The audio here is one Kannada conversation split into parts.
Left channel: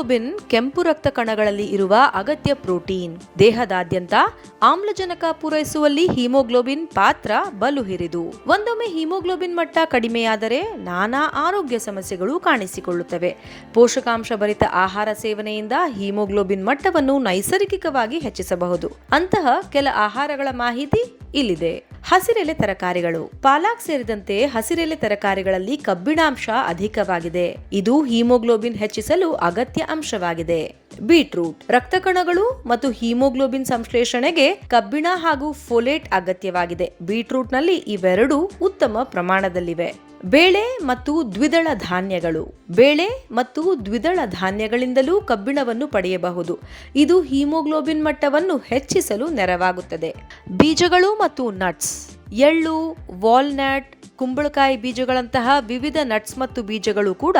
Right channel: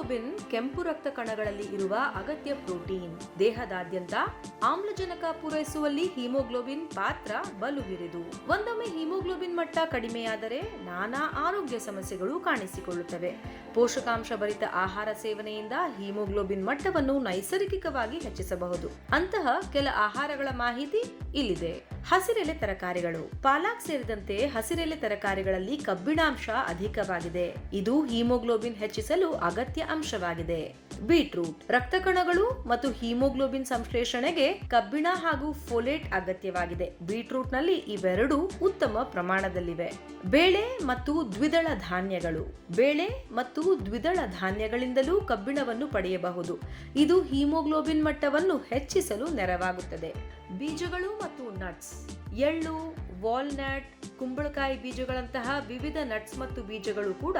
ಹಿಮೋಗ್ಲೋಬಿನ್ ಕೆಂಪು ರಕ್ತ ಕಣಗಳಲ್ಲಿ ಇರುವ ಅಗತ್ಯ ಪ್ರೋಟೀನ್. ದೇಹದಾದ್ಯಂತ ಆಮ್ಲಜನಕ ಪೂರೈಸುವಲ್ಲಿ ಹಿಮೋಗ್ಲೋಬಿನ್ ಪಾತ್ರ ಬಲು ಹಿರಿದು ಒಂದೊಮ್ಮೆ ಹಿಮೋಗ್ಲೋಬಿನ್ ಮಟ್ಟ ಕಡಿಮೆಯಾದರೆ ನಾನಾ ಆರೋಗ್ಯ ಸಮಸ್ಯೆಗಳು ಕಾಣಿಸಿಕೊಳ್ಳುತ್ತವೆ. ಪೋಷಕಾಂಶ ಭರಿತ ಆಹಾರ ಸೇವನೆಯಿಂದ ಹಿಮೋಗ್ಲೋಬಿನ್ ಮಟ್ಟವನ್ನು ನೈಸರ್ಗಿಕವಾಗಿ ಹೆಚ್ಚಿಸಬಹುದು. ಅಂತಹ ಕೆಲ ಆಹಾರಗಳ ಮಾಹಿತಿ ಇಲ್ಲಿದೆ. ಹಸಿರೆಲೆ ತರಕಾರಿಗಳು. ಪಾಲಾಕ್ ಸೇರಿದಂತೆ ಹಸಿರೆಲೆ ತರಕಾರಿಗಳಲ್ಲಿ ಕಬ್ಬಿಣಾಂಶ ಅಧಿಕವಾಗಿದೆ. ಇದು ಹಿಮೋಗ್ಲೋಬಿನ್ ಹೆಚ್ಚಿಸಲು ಅಗತ್ಯ ಅಂಶವಾಗಿದೆ. ಬೀಟ್ರೂಟ್ ರಕ್ತ ಕಣಗಳು ಮತ್ತು ಹಿಮೋಗ್ಲೋಬಿನ್ ಸಂಶ್ಲೇಷಣೆಗೆ ಕಬ್ಬಿಣ ಹಾಗೂ ಫೋಲೇಟ್ ಅಗತ್ಯವಾಗಿದೆ. ಬೀಟ್ರೂಟ್ನಲ್ಲಿ ಇವೆರಡೂ ಉತ್ತಮ ಪ್ರಮಾಣದಲ್ಲಿವೆ. ಬೇಳೆ ಮತ್ತು ದ್ವಿದಳ ಧಾನ್ಯಗಳು. ಬೇಳೆ ಮತ್ತು ದ್ವಿದಳ ಧಾನ್ಯಗಳಿಂದಲೂ ಕಬ್ಬಿಣವನ್ನು ಪಡೆಯಬಹುದು. ಇದು ಹಿಮೋಗ್ಲೋಬಿನ್ ಮಟ್ಟವನ್ನು ಹೆಚ್ಚಿಸಲು ನೆರವಾಗುತ್ತದೆ. ಬೀಜಗಳು ಮತ್ತು ನಟ್ಸ್ ಎಳ್ಳು, ವಾಲ್ನಟ್, ಕುಂಬಳಕಾಯಿ ಬೀಜಗಳಂತಹ ವಿವಿಧ ನಟ್ಸ್ ಮತ್ತು ಬೀಜಗಳು ಕೂಡ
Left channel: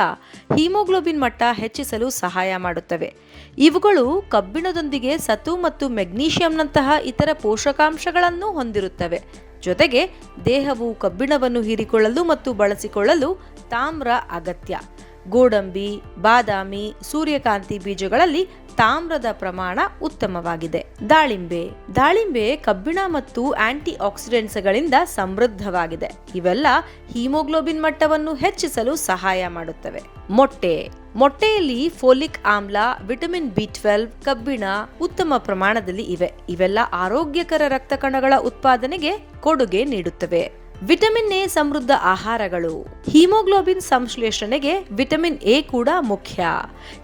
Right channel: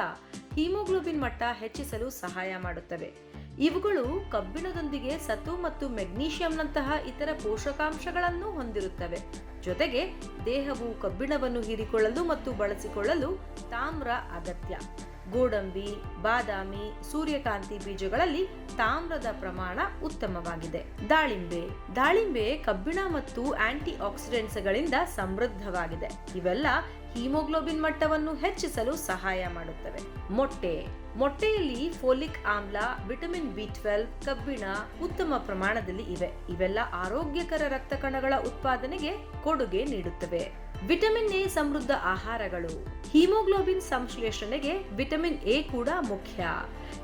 ಹಿಮೋಗ್ಲೋಬಿನ್ ಮಟ್ಟ ಹೆಚ್ಚಿಸಲು ಸಹಾಯ ಮಾಡುತ್ತವೆ. ಇವುಗಳು ಕಬ್ಬಿಣದೊಂದಿಗೆ ಸತು ಮತ್ತು ಮೆಗ್ನೀಷಿಯಂನಂತಹ ಇತರ ಪೋಷಕಾಂಶಗಳನ್ನು ಹೊಂದಿರುತ್ತವೆ. ಜೊತೆಗೆ ದೇಹವು ಕಬ್ಬಿಣವನ್ನು ಹೀರಿಕೊಳ್ಳಲು ಮತ್ತು ಬಳಸಿಕೊಳ್ಳಲು ತಾಮ್ರ ಅಗತ್ಯ. ಗೋಡಂಬಿ, ಬಾದಾಮಿ, ಸೂರ್ಯಕಾಂತಿ ಬೀಜಗಳಲ್ಲಿ ತಾಮ್ರದ ಪ್ರಮಾಣ ಉತ್ತಮವಾಗಿದೆ. ದಾಳಿಂಬೆ. ದಾಳಿಂಬೆ ಕಬ್ಬಿಣ ಮತ್ತು ಆಂಟಿ ಆಕ್ಸಿಡೆಂಟ್ಸ್ಗಳಿಂದ ಸಮೃದ್ಧವಾಗಿದೆ. ಇವೆಲ್ಲ ಹಿಮೋಗ್ಲೋಬಿನ್ ಮಟ್ಟವನ್ನು ಹೆಚ್ಚಿಸಲು ಸಹಾಯ ಮಾಡುತ್ತವೆ. ಮೊಟ್ಟೆ. ಮೊಟ್ಟೆಯಲ್ಲಿ ಫೋಲಿಕ್ ಆಮ್ಲ, ವಿಟಮಿನ್ ಬಿ ಟ್ವೆಲ್ವ್ ಕಬ್ಬಿಣ ಉತ್ತಮ ಪ್ರಮಾಣದಲ್ಲಿ ಇವೆ. ಇವೆಲ್ಲ ಆರೋಗ್ಯಕರ ರಕ್ತ ಕಣಗಳ ಉತ್ಪಾದನೆಗೆ ಕೊಡುಗೆ ನೀಡುತ್ತವೆ. ವಿಟಮಿನ್ ಎ ಸಮೃದ್ಧ ಆಹಾರಗಳು. ಹಿಮೋಗ್ಲೋಬಿನ್ ಸಂಶ್ಲೇಷಣೆಗೆ ವಿಟಮಿನ್ ಎ ಕೂಡ ಮುಖ್ಯ.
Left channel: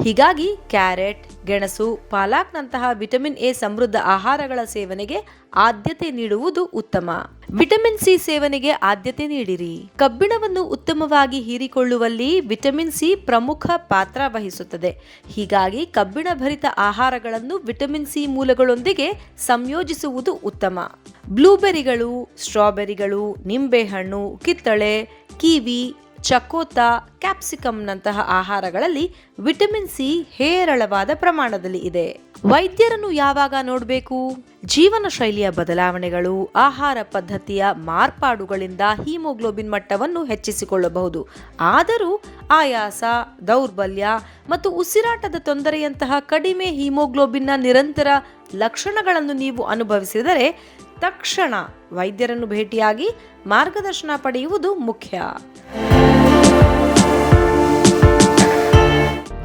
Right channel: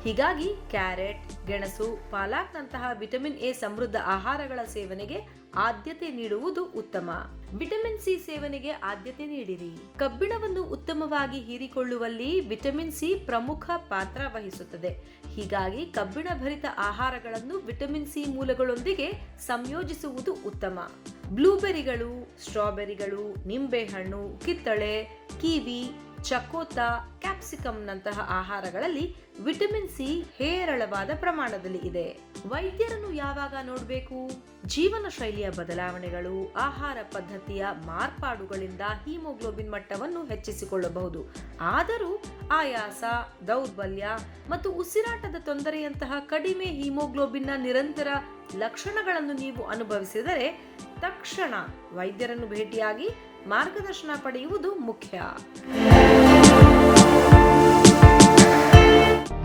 ಹೀಗಾಗಿ ಕ್ಯಾರೆಟ್, ಗೆಣಸು, ಪಾಲಾಕ್ನಂತಹ ವಿಟಮಿನ್ ಎ ಸಮೃದ್ಧ ಆಹಾರಗಳ ಸೇವನೆಗೆ ಆದ್ಯತೆ ನೀಡುವುದು ಉತ್ತಮ. ವಿಟಮಿನ್ ಸಿ ಸೇವನೆಗೆ ಆದ್ಯತೆ ನೀಡಿರಿ. ಕಬ್ಬಿಣವನ್ನು ಉತ್ತಮವಾಗಿ ಹೀರಿಕೊಳ್ಳುವಲ್ಲಿ ವಿಟಮಿನ್ ಸಿ ಪ್ರಮುಖ ಪಾತ್ರ ವಹಿಸುತ್ತದೆ. ಹೀಗಾಗಿ ಕಬ್ಬಿಣ ಭರಿತ ಆಹಾರಗಳನ್ನು ವಿಟಮಿನ್ ಸಿ ಮೂಲಗಳೊಂದಿಗೆ ಸಂಯೋಜಿಸುವುದು ಉತ್ತಮ. ಬ್ಲೂಬೆರಿಗಳು, ಸ್ಟ್ರಾಬೆರಿಗಳು, ನಿಂಬೆಹಣ್ಣು, ಕಿತ್ತಳೆ, ಕಿವಿ ಚಕೋತ ಕ್ಯಾಪ್ಸಿಕಮ್ನಂತಹ ಆಹಾರಗಳಲ್ಲಿ ವಿಟಮಿನ್ ಸಿ ಹೇರಳವಾದ ಪ್ರಮಾಣದಲ್ಲಿ ಇದೆ. ವೈದ್ಯರನ್ನು ಯಾವಾಗ ನೋಡಬೇಕು? ಜೀವನ ಶೈಲಿಯ ಬದಲಾವಣೆಗಳು, ಆಹಾರ ಪದ್ಧತಿಯ ಮಾರ್ಪಾಡುಗಳಿಂದ ಹಿಮೋಗ್ಲೋಬಿನ್ ಮಟ್ಟವನ್ನು ಹೆಚ್ಚಿಸಿಕೊಳ್ಳಬಹುದು. ಆದರೂ ಆಯಾಸ, ದೌರ್ಬಲ್ಯ ಮತ್ತು ಉಸಿರಾಟದ ತೊಂದರೆಯಂತಹ ಕಡಿಮೆ ಹಿಮೋಗ್ಲೋಬಿನ್ನ ನಿರಂತರ ಲಕ್ಷಣಗಳನ್ನು ನೀವು ಅನುಭವಿಸಿದರೆ ತಕ್ಷಣ ವೈದ್ಯರನ್ನು ಭೇಟಿಯಾಗಿ ಮಾರ್ಗದರ್ಶನ ಪಡೆಯುವುದು ಮುಖ್ಯ.